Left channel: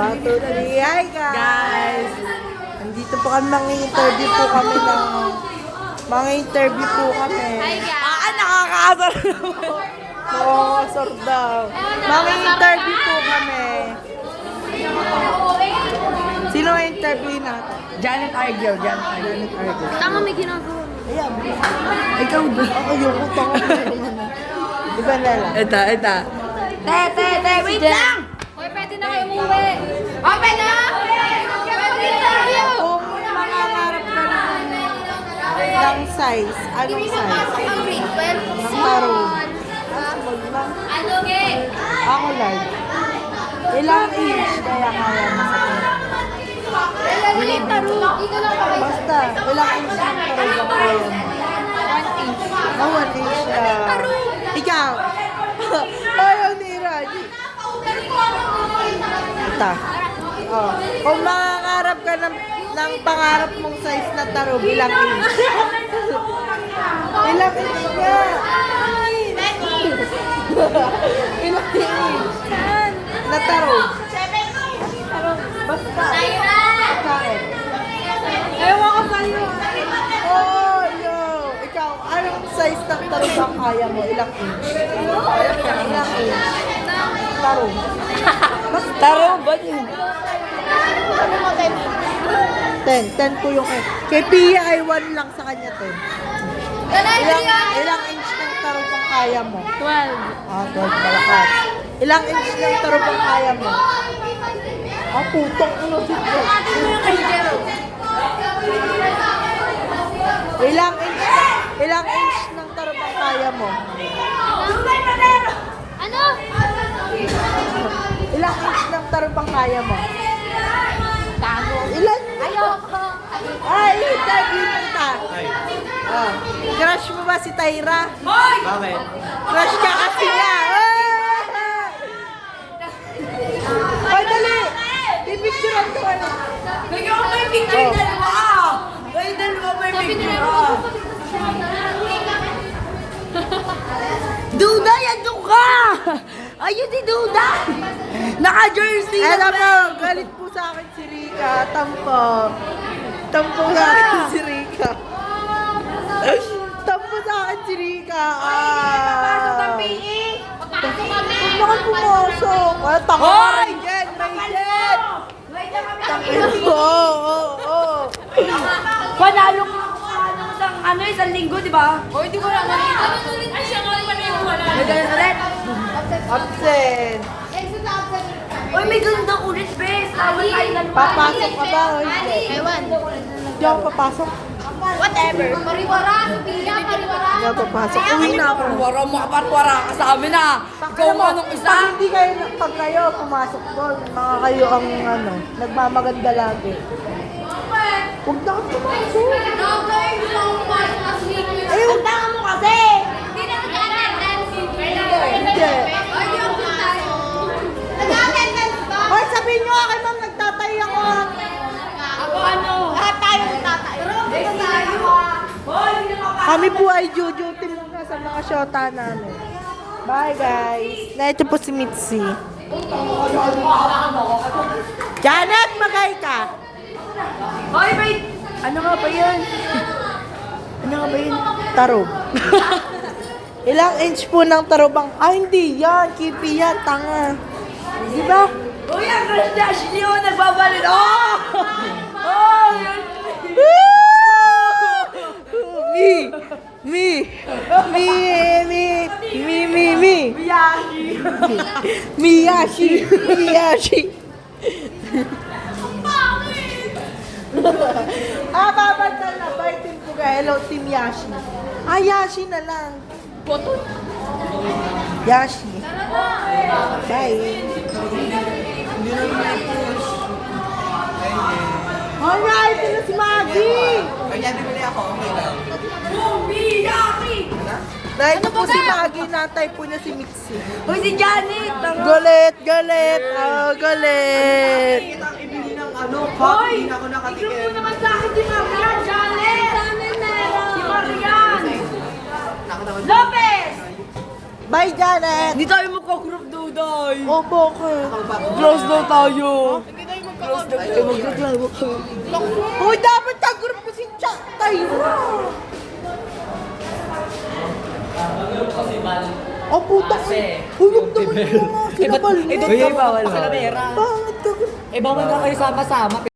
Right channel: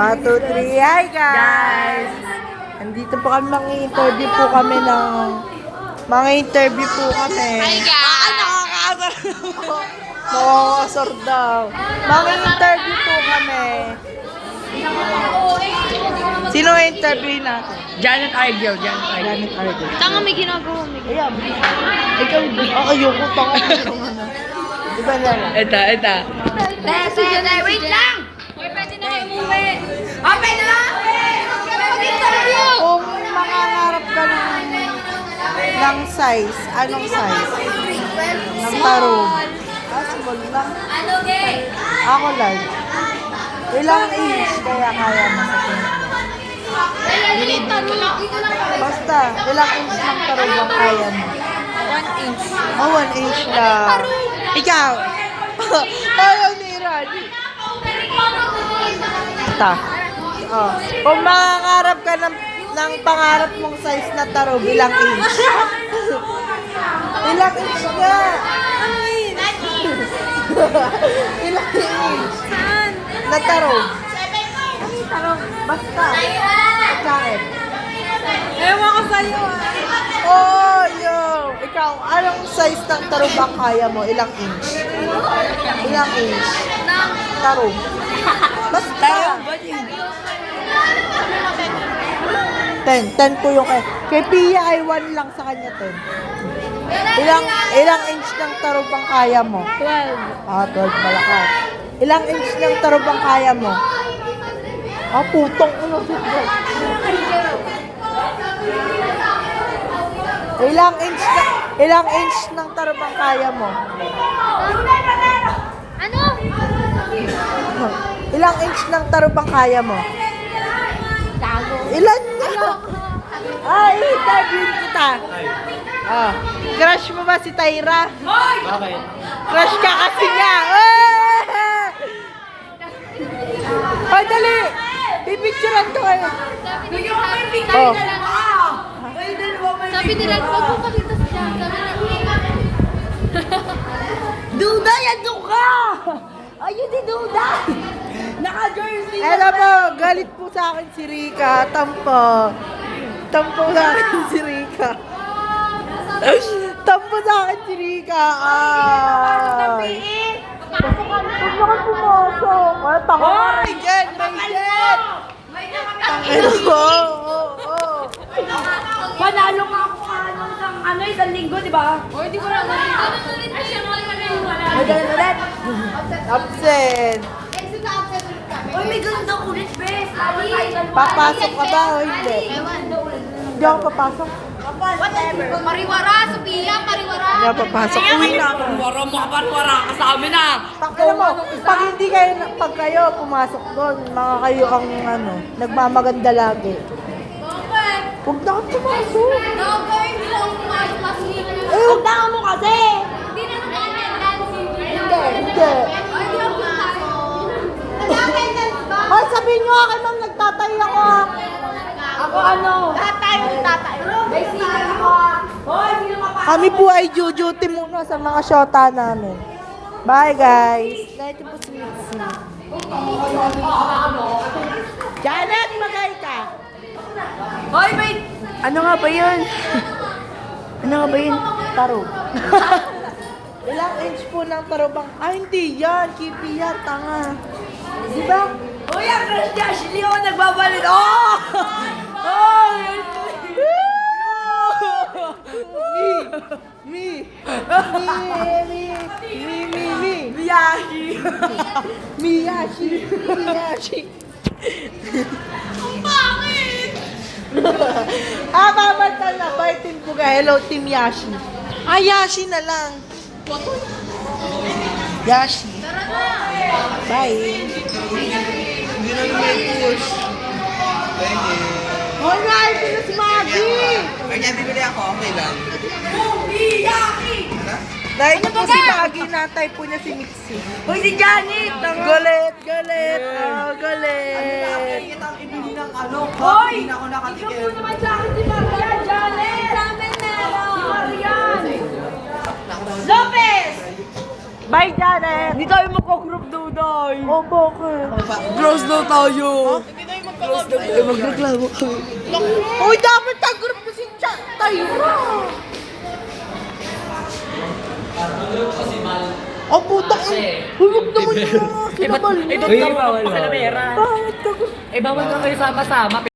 1, 2, 3. Hi guys! Andito po kami, mga-interview po kami ng... Mga-interview po kami. Hi guys! Nakakaasar Nakakasar daw. Mga-interview po kami. Sino interview na? Janet Argel, Janet Argel. Janet Argel. Tanga may ginagawa. Ayan. Ikaw ba? Ayoko, tanga mo yung ano. Diba Lala? Ito. Wait lang! May pwede na kayo umuwi. Open na! Kung mangangarap ka ng size, anong size? Ng tarong. Small lang. Ano, gay? Ako lang. Ilang inch kaya kaya mo sa akin? Ano yung taro? Basta, ilang inch ng tarong ang kaya mo? 1 inch. Oh, 1 inch lang. Ikaw! Ayaw ni Rani. Ta. Oh. Kung mangangarap ka ng pangarap mong size na tarong, ilang inch? Ilang inch nga? Ano inch? Ilang inch? Saan? Na tarong. Tarong. Basta. Ikaw. Ewan ko sa'yo. Oh, yo! Ikaw, anong size ng tarong ang kaya mo? Ilang inch? Ilang inch? Tarong. Basta. Tarong ba yun? 10 po yung kay Pia ay 1 lang sa kanya 10. Ilang inch ng tarong ang kaya mo? 12. Ah, 12 malakas. Ilang inch ng tarong ang kaya mo? Ah, putong ulo si Bro. Ilang inch ng tarong ang kaya mo? Ano? Ilang inch ng tarong ang kaya mo? Tago. Ilan? Ayoko. Ay, interview kita. Ah, crush mo ba si Tyra? Bakit? Crush ka kasi niya. Ay, dali. Pipicturean ko kayo. Oh. Sabi nila, huwag mo dito siya. Duda, yan ka! Ayun si Duda! Naka-jersey Alam mo, galit po sa akin si Rika. Tampo. Tampo sa akin si Rika. Tampo sa akin si Rika. Huwag na kang pumasok. Ay, tanga ka rin dyan. May jet. Oo. Panalo ka ako ng isang linggo, di ba? O, hindi ko lang ulit. May ganun ulit. Absent. Uy, may ganun ulit, bes. Tawag tayo dalawa. Papasok ka ba o hindi? Hindi ako papasok. Whatever. Pariwara, Sophia, pariwara. Hindi ako papasok. Uwi na ako. Wara ka sa amin ah. Alam mo, pag hindi kayo, pag kayo pumasok doon, mga kayo ang ano, nagmamaganda lagi. Huwag na kang pumasok. Eh, huwag na mo kasi. Hindi na mag-attendance. Hindi. Ay, di ako tayo. Nag-attendance ba? Ay, sabihin nyo akin ma'am, nagtatay ako ah. Ako ano? Lahat tayo magtatay. Kami po ay duty muna sa mga shota namin. Bye guys. Na ito po si Mitzi. Janet, magay ka. Hoy, wait! Ano nga ba yun? Ano nga ba yun? Taro. Ilang inch po ng tarobang? Ah, hindi yan. Kipi yan. Tanga. Di ba? Uy, ang crush niya! Ashley, oh, nagbabalin! Oh! Oh! Yun! Me. Miyashi. Babatan na. Baitin ko ka. Hello, Team Yashi. Yashi na lang. Yashi. Bye. Hindi na may push. Alright, ito na si Maggie. Dahil na po si Maggie, natay po niya si Mitzi. Uy, si Janet! Galit. Oh, galit. Hoy! Ikaw naman sa akin si Marian, Janet! Sa amin meron! Si Marian! Lopez! Bye, Janet! Hindi tayo magka-group daw, Day. Oh, bakit? Close daw tayo. Close daw tayo. Magreklamo kami. Hoy, dapat ka-group ko si Tyra! Oh, putang ina! Hulog naman yung mga kinabal mo! Uy, bawal. Bakit ka-group? Eh, bawal na kayo sama-sama.